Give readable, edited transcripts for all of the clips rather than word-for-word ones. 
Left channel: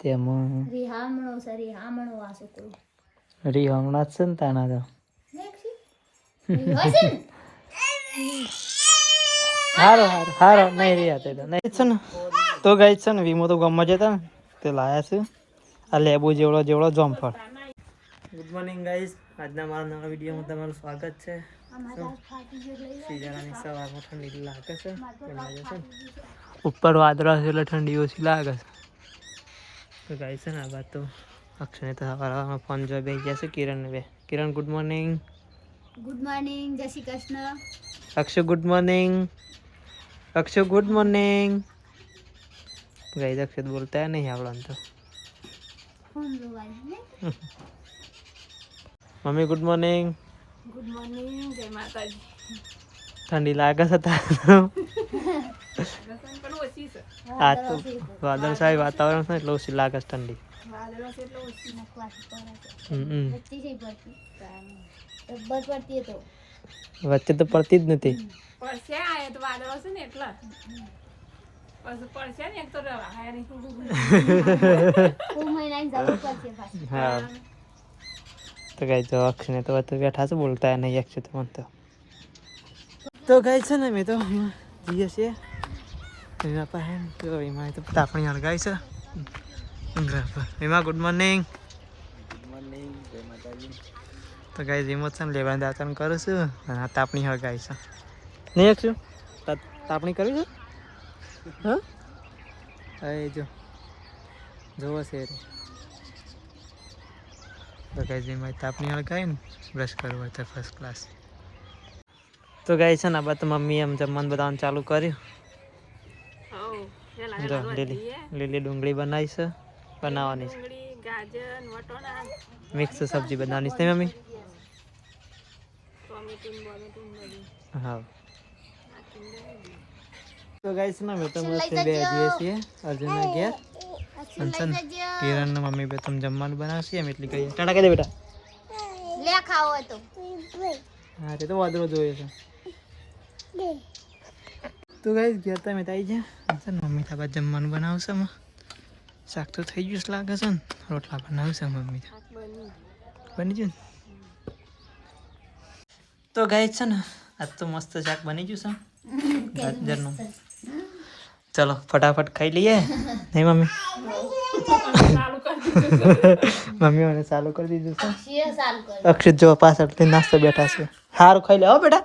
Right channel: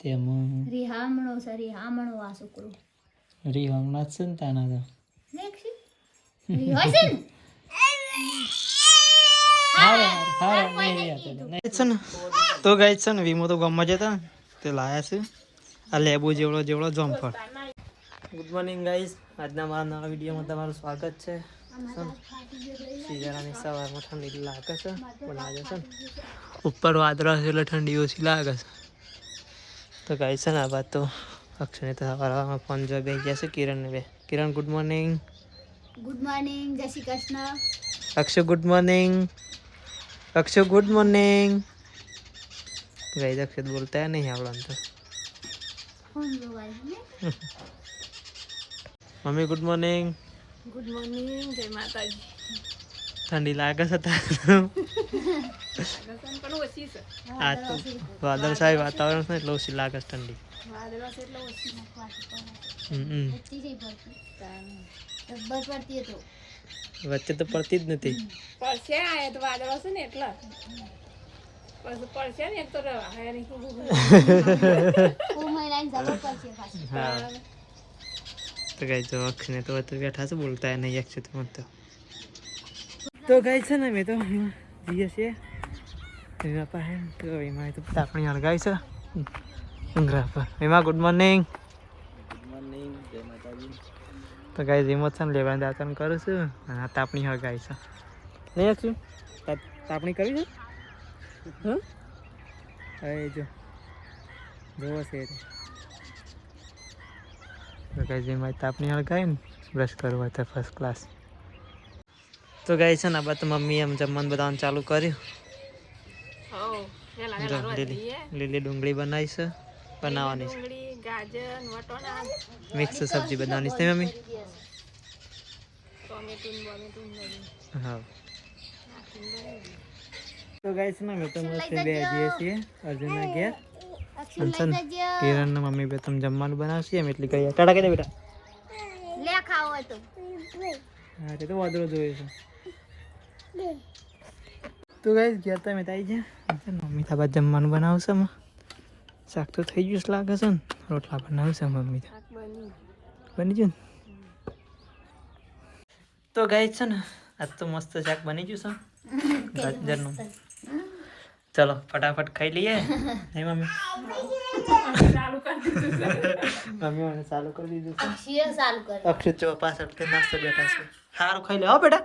તેમાં રિહામણો છે રિહામણો આ છોકરો રીહમણા જ છે ને તાના તો હારો હારો હારો નહીં રહ્યા તે નહીં છે ને તો ગાઈ છે ને વીમો તો ગામમાં જતા ને તે લાયા છે આ લેબુ જેવડો જેવડો જોમફળ. ગુડ મોર્નિંગ ગાઈઝ, આજના મારા નવા વિડીયોમાં તમારું સ્વાગત છે. શિયાળાની સવારમાં ઠંડી લાગે છે બનાવે છે ને ઉપર વાદળા છે એટલે ઠંડી ઓછી લાગે છે. તો ગાઈઝ છે ને આ વાત તો અક્ષયને તો સવારમાં ફોન જોઈ બેસી ગયા છે કિરણને બે. કિરણ ગુડ મોર્નિંગ. ગુડ મોર્નિંગ, જય Shri Krishna. Akshay good morning. Akshay good morning. Guys Akshay બોલતા નહીં આવડે તો. Mummy good morning. Good morning, જય માતાજી. ઠંડી લાગે છે આ તો વાદળછાયું વાતાવરણ છે એટલે ઓછી લાગે છે ઠંડી. વચ્ચે તો પડતી જ નથી. હા તો ગાઈ તો અક્ષને તો બેઠા છે બોલતા નહીં અક્ષય તો મને તો ગાય છે ને મેં તો જઈએ છીએ એના પાસે તો એમાં તો તાપણી હળગાઈ છે ઉંઘરા પર. એમાં ગુડ મોર્નિંગ. ગુડ મોર્નિંગ, જય માતાજી. તો ગાય એમાં છે ને લેવાનું દાતન કરું છું અને આ તાપણી હળગાઈ છે નહીં અક્ષુ તાપણી કરી છે. હા એ જો જોવો છે તો ગાય જેમાં તાપણી હળગાઈ ને બ્રશ કરવા તો ફર્સ્ટ ક્લાસ. તો ગાય છે ને બા મમ્મી એમ જમવાનું બધાનું ચાલુ કર્યું. લીલી ડુંગળી બનાવી છે બનાવવાની છે મિક્સ સબ્જી બનાવવાની છે મમ્મી. હા તો ગાય છે ને અમે તો મસ્ત જઈએ છીએ અર્જુનના ઘેર. કિરણ ને મમ્મી બે તમે જમવાનું બનાવશે એમ એટલી કહીએ ટાટા કહી દે બેટા. હા તે તો વાદળો જોઈએ છે. તો ગાઈસ ઘેર તમે આવી ગયા મમ્મી તાબા જમવાનું બનાવશે એમાં શાક તો થઈ ગયું લાગે છે ને રોટલા બનાવશે મમ્મી બની ગયું ને. તો ગાઈસ છે ને આજ તો મસ્ત શાક બની ગયું છે ગાજરનું. ચલો ફટાફટ ખાઈ લઈએ નહીં મમ્મી. મમ્મી મને ચાલુ કરી દીધું છે. અક્ષિત જો પાછળ નાસ્તો બેઠા છે. સારું ખાઈ લે હો બેટા.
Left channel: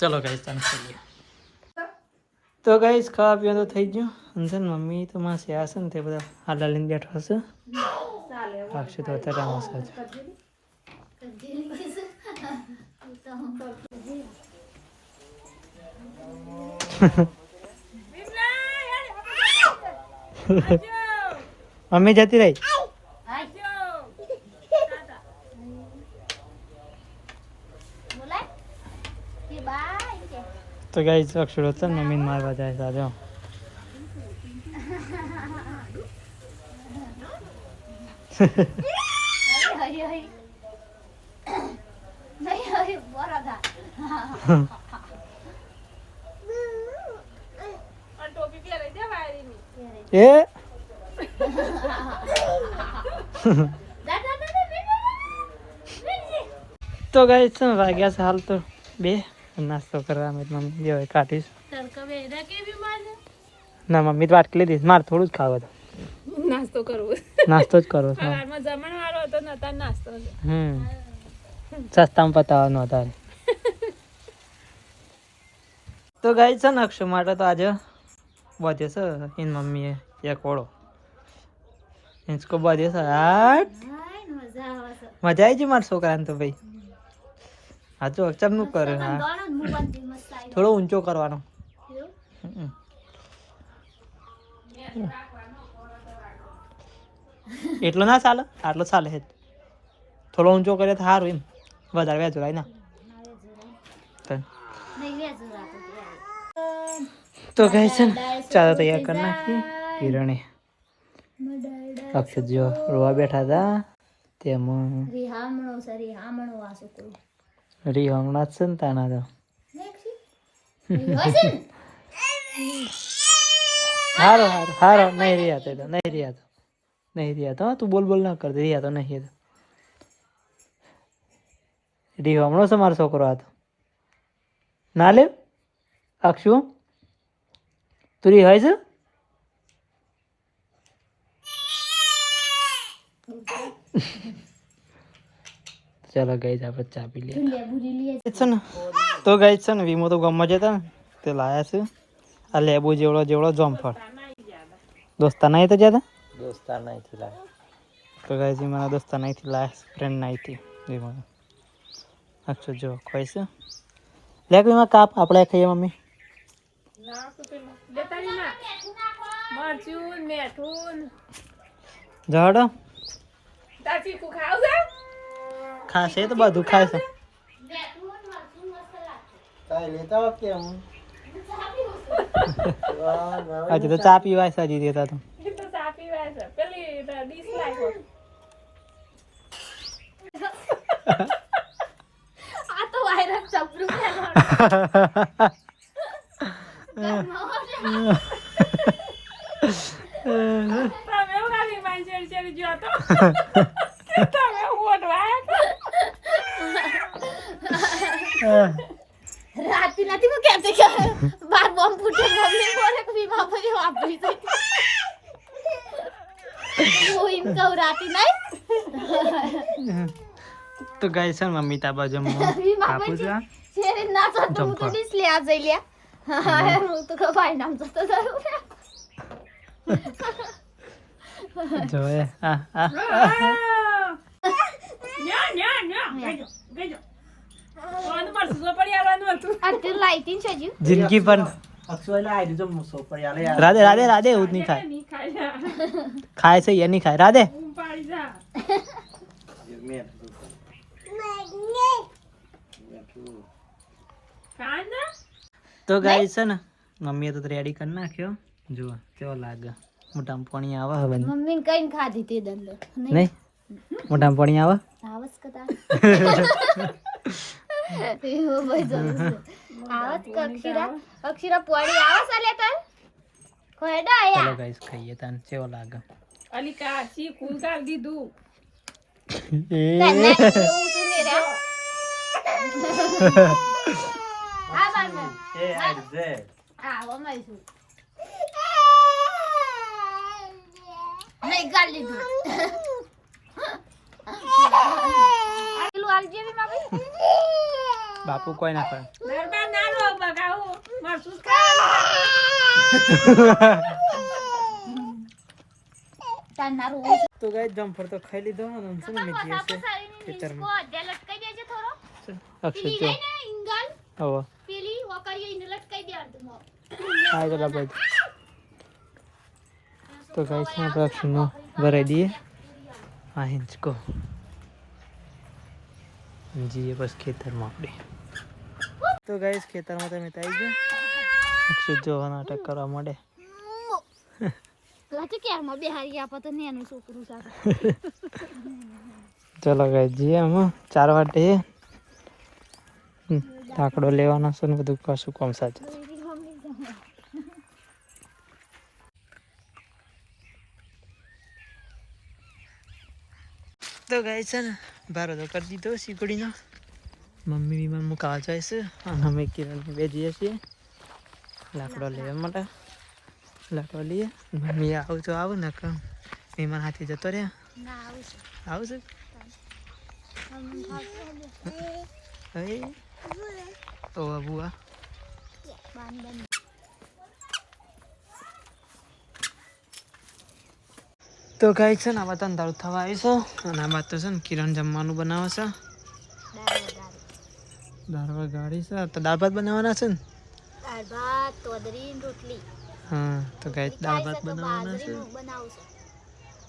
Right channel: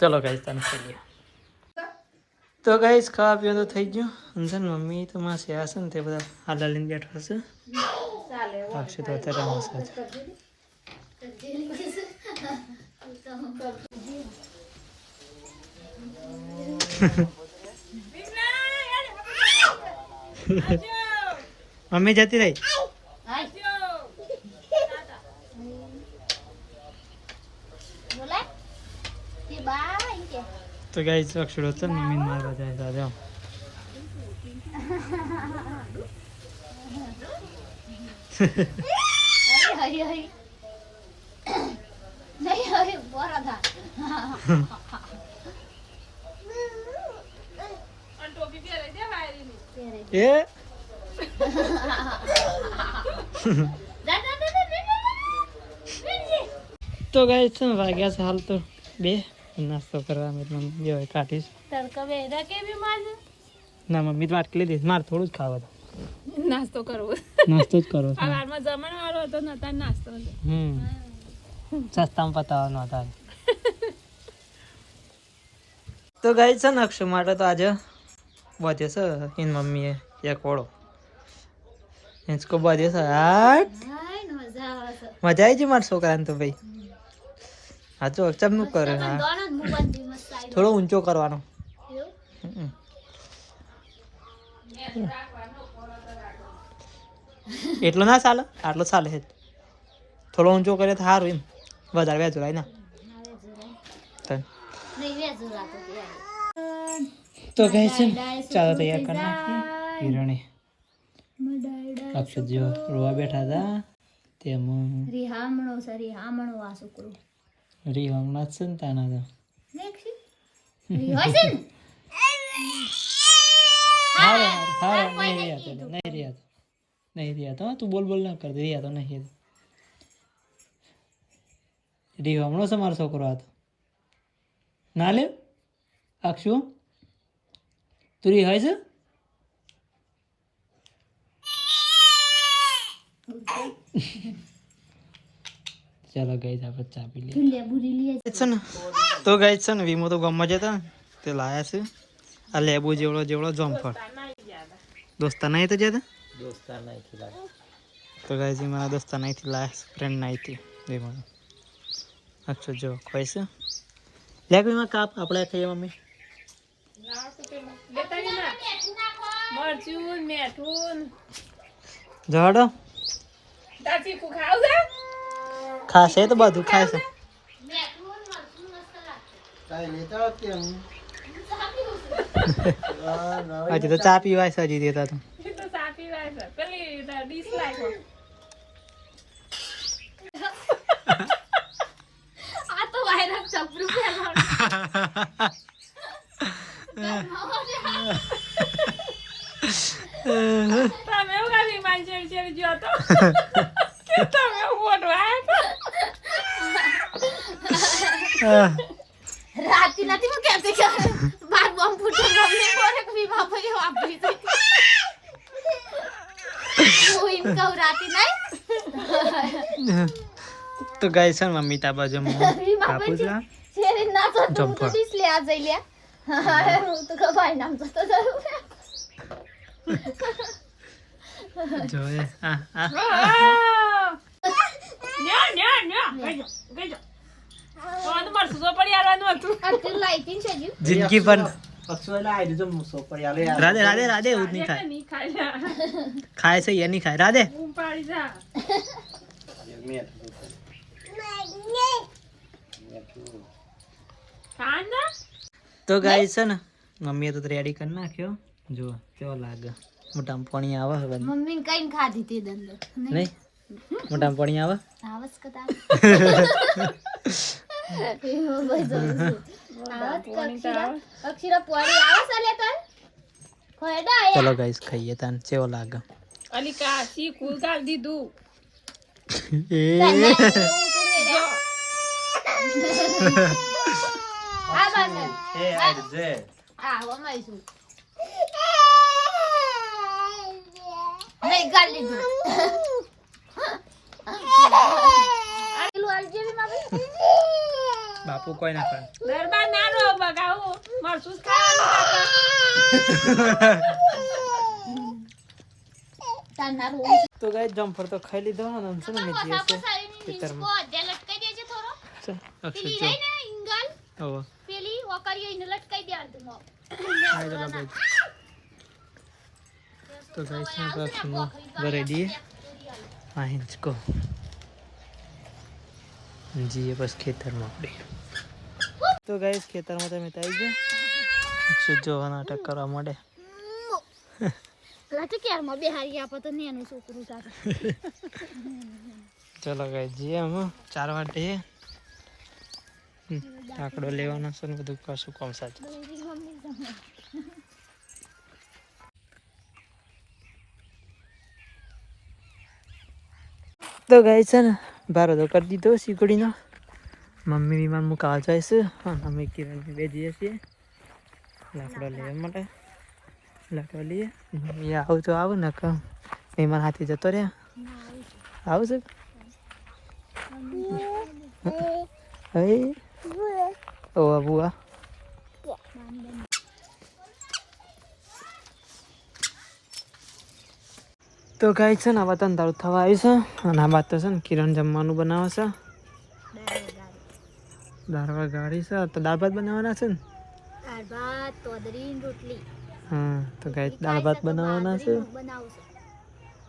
ચલો ગાઈસ તને ખાઈ લઈએ. તો ગાઈસ ખાવા પીવા તો થઈ ગયું અને ને મમ્મી તો માં છે ને તે બધા હાલા લઈને બેઠા છે. અક્ષિત તો અત્યારે રમશે જ. મમ્મી જતી રહી. તો ગાઈસ અક્ષર હતો ને મમ્મીને મારવા જાય સાથે. એ તો ગાઈસ છે વાગ્યા છે હાલ તો 2 નાસ્તો કરવા મમ્મી બે કાઢીશ. ના મમ્મી તો વાટકી લીધી મારે થોડું જ ખાવા. નાસ્તો જ કરવો સસ્તામાં પતાવવાનો હતા. તો ગાઈ છે ને અક્ષય માટે તો આજે બધે છે એની મમ્મીએ એક ઓળો ઇંચકો બધે છે. મજા આવી છે મારા છોકરાને તો ભાઈ. હા જો ચમનું કરે. હા થોડો ઊંચો કરવાનો. એટલો ના ચાલે આટલો ચાલે છે. થોડો ઊંચો કરે તો સારું એમ વધારે વ્યાજોરાય ના. તો કહે છે ને ચાલો તૈયાર કરી નાખીએ. કિરણે અક્ષર જો રોવા બેઠા હતા તેમાં રિહામણો છે રિહામણો આ છોકરો રીહમણા જ છે ને તાના તો હારો હારો હારો નહીં રહ્યા તો નહીં રહ્યા તો નહીં રહ્યા તો તું બોલ બોલ ના કર રહ્યા તો નહીં રીહો હમણો છે મારો છોકરો આ તો ના લે અક્ષુ તું રી હોય છે ચલો ગઈ આપણે ચા પી લઈએ છે ને તો ગઈ છે ને વીમો તો ગામમાં જતા ને તે લાયા છે આ લેબુ જેવડો જેવડો જોમફળ દોસ્તા નહીં તો જતા દોસ્તા નહીં થી લાયા તો ગઈ છે મારા દોસ્તા નહીં થી લાયા ફ્રેન્ડ નહીં થી વીમો અક્ષર જો ખોઈ છે લે વીમા કાપ આપણે ખાઈએ મમ્મી જડો ખાશે તો બધું ખાય છે હજી તો ચા પીવાય છે હજી દેતા તો રાતી નથી હું કેતે કે બાર બોમ્બ ફૂટે મમ્મી બોલે કે વીમા ભરી વાપરી છે હું ઇમ કહું રાતી નહીં તો ગાય છે મમ્મી તા બાજુ કાપુ છે શેરી ના તો જમ્પર પોલીસ લે આ જઈ લે હું તો કબાઈ નામ તો જોએ આ જિંદગી પણ રાધે રાધે રાધે એવું જ નહીં ખાય ખાય છે એ નહીં ખાય રાધે તો ગાય છે ને મમ્મીએ તો રેડી કરી નાખ્યો જુઓ કેવો લાગે મોટામાં પાણી આવે હવે મમ્મી કઈ ખાધી તે દંડો નહીં મોટામાં પાણી આવે આવસ કતા અક્ષરા પોડી આવસ આલે તન કોયડા ચલો ગાઈસ ખાઈએ તાન કેવો લાગે અલિકા સી કુલકાર દીધું એ નહીં ગાલી દે બાપુ કોઈ ના કરે દરબાર નાનો બગાવું મરસુસ ખાવાનું તો ગાઈસ જમ્પર તો ખાઈ લીધો અને છે ને મેં છે ખેતરમાં જે લટકાઈ દેજે થોડો અક્ષર પેલી જો હે ને ઇંગલ હવે પેલી વકરીઓ ઇને લટકાઈ દે આલતો આ તો લાગે તો ગાઈસ ને અક્ષર નો ભરાઈ દઈએ આ હિંચકો જી બસ ખેતરમાં આપણે તો ગાઈસ ખેતરમાં તમે આવી ગયા અક્ષર જો નાટક કરવા માંડે લાગે ક્યારમાં બેહારી આપો તો નેનું છોકરું સાથે ચલો ગાઈસ જી આમ 4 વાગે આકડો લેવાનો છે ને બધું પાછું કોમ સાચું તો ગાઈસ છે ને બારો તો કરી દીધો શીકડીનો મમ્મી વિમાન મુકાવા જાય છે અને અમે કિરણ બે જઈએ છીએ લાકડો લેવા માટે લાકડો લઈએ મમ્મી આવું તો આવું ને કે મહેમાન હાથી જતો રહ્યા આવું છે હવે ઓ બુઆ તો ગાય છે ને આ વાત અંધારું થવા આવી છે અને આ વાત તો છે ને કિરણ જમવાનું બનાવે છે દાળ ગાડી છે તો દાળ ભાત બનાવવાના છે ને દાળ ભાત તોદરી રોટલી હા તો ગાય દાળ ભાત બનાવવાના છે બનાવશે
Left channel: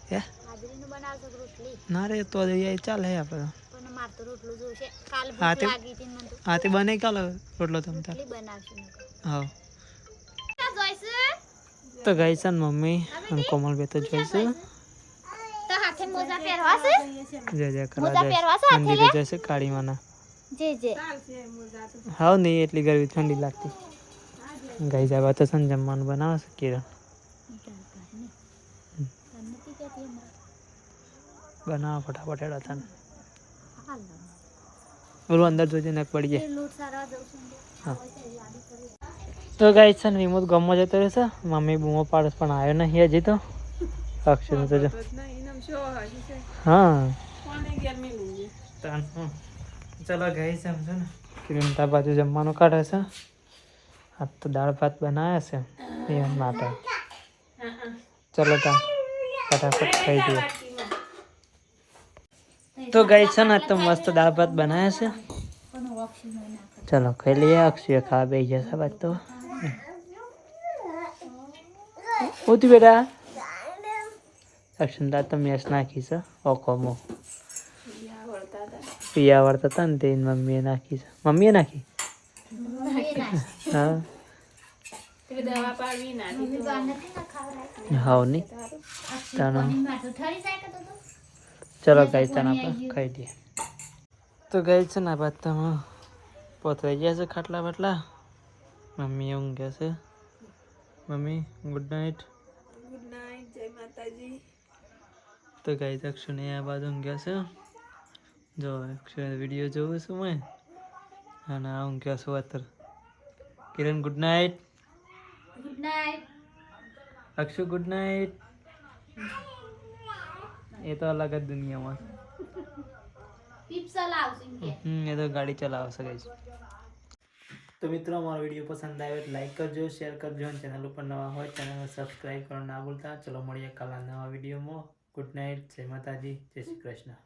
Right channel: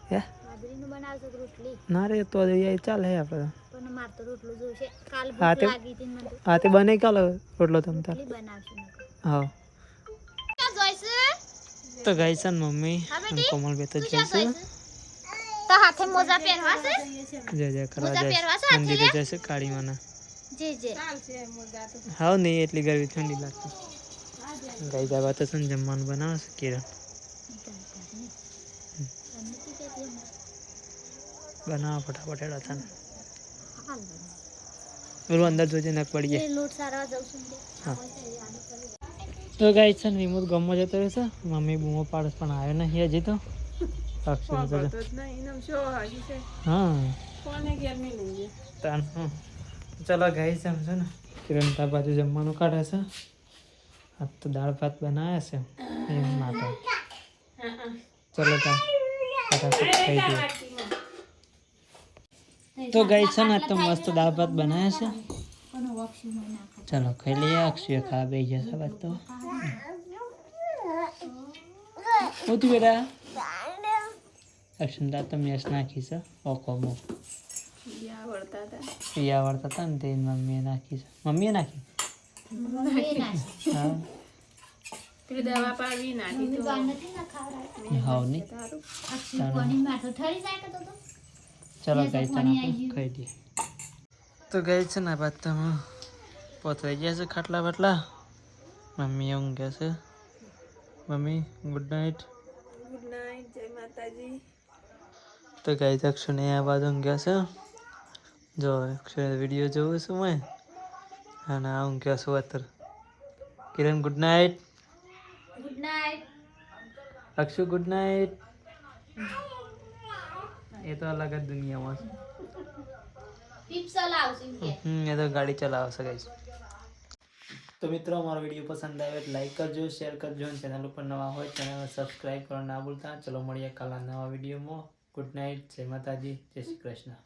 હે બાજરીનું બનાવશે રોટલી ના રે તો ચાલે આપણે પણ માર તો રોટલો જોશે કાલ હા ભૂખ લાગી હતી મને હા તે બને કાલે રોટલો તમ તાર બનાવશું હા જોઈશે તો ગાય છે ને મમ્મી અને કોમલ બે તો જોઈશું તો હાથે મોજા પહેરવા છે જય જય કરા જાય મંદિરે જશે કાળી માના જે જે હા નહીં એટલી ગરમી ઠંડી લાગતી ગઈ જવા તો છે ને જમવાનું બનાવે છે કિરણ બનાવો ફટાફટ હેડા તને બોલું અંદર જોજે નક પડી જાય હા તો ગાઈસ છે ને રિમોટ ગમો જતો રહેશે મમ્મી બૂમો પાડસ પણ આવ્યો નહીં હજી તો અક્ષર તો જો હા ચલો ગાઈસ એમ છે ને કિરણતા બાજુ જમવાનું કાઢે છે આ તો દાળ ભાત બનાવ્યા છે એ માટે ચલો તા ફટાફટ ખાઈ દઈએ તો ગાઈસ છે ને તો મસ્ત દાળ ભાત બનાવ્યા છે ચલો ખાઈ લઈએ અક્ષય ખાવા બેસી જશે બાદ તો ઉઠ બેટા અક્ષંદા તો મેચ નાખી છે ઓકોમો પિયા વળતા હતા ને તે મમ્મીએ નાખી છે મમ્મીએ નાખી હા દવા પાડવી નાખી હાવ નહીં ચલો ગાઈ તને આપણે ખાઈ દઈએ તો ગાઈ છે ને બાદ તમે પોતરાઈ ગયા છે ખાટલા બાટલા મમ્મી ઊંઘ્યા છે મમ્મી ગુડ નાઇટ જય માતાજી તો ગાઈ અક્ષુને આ બાદ ઊંઘ્યા છે જો અક્ષર વિડીયો જોઉં છું મેં અને આ ઊંઘ્યા છું અત્યારે Kiran good night Akshu good night એ તો અલગ જ દુનિયામાં એ તો ગાડી ચલાવશે ગાઈસ તો મિત્રો અમારો વિડીયો પસંદ આવ્યો એટલે લાઈક કરજો શેર કરજો અને ચેનલ ઉપર નવા હોય ચેનલને સબસ્ક્રાઈબ કરવા ના ભૂલતા ચલો મળીએ કાલના નવા વિડીયોમાં ગુડ નાઇટ જય માતાજી જય શ્રી કૃષ્ણ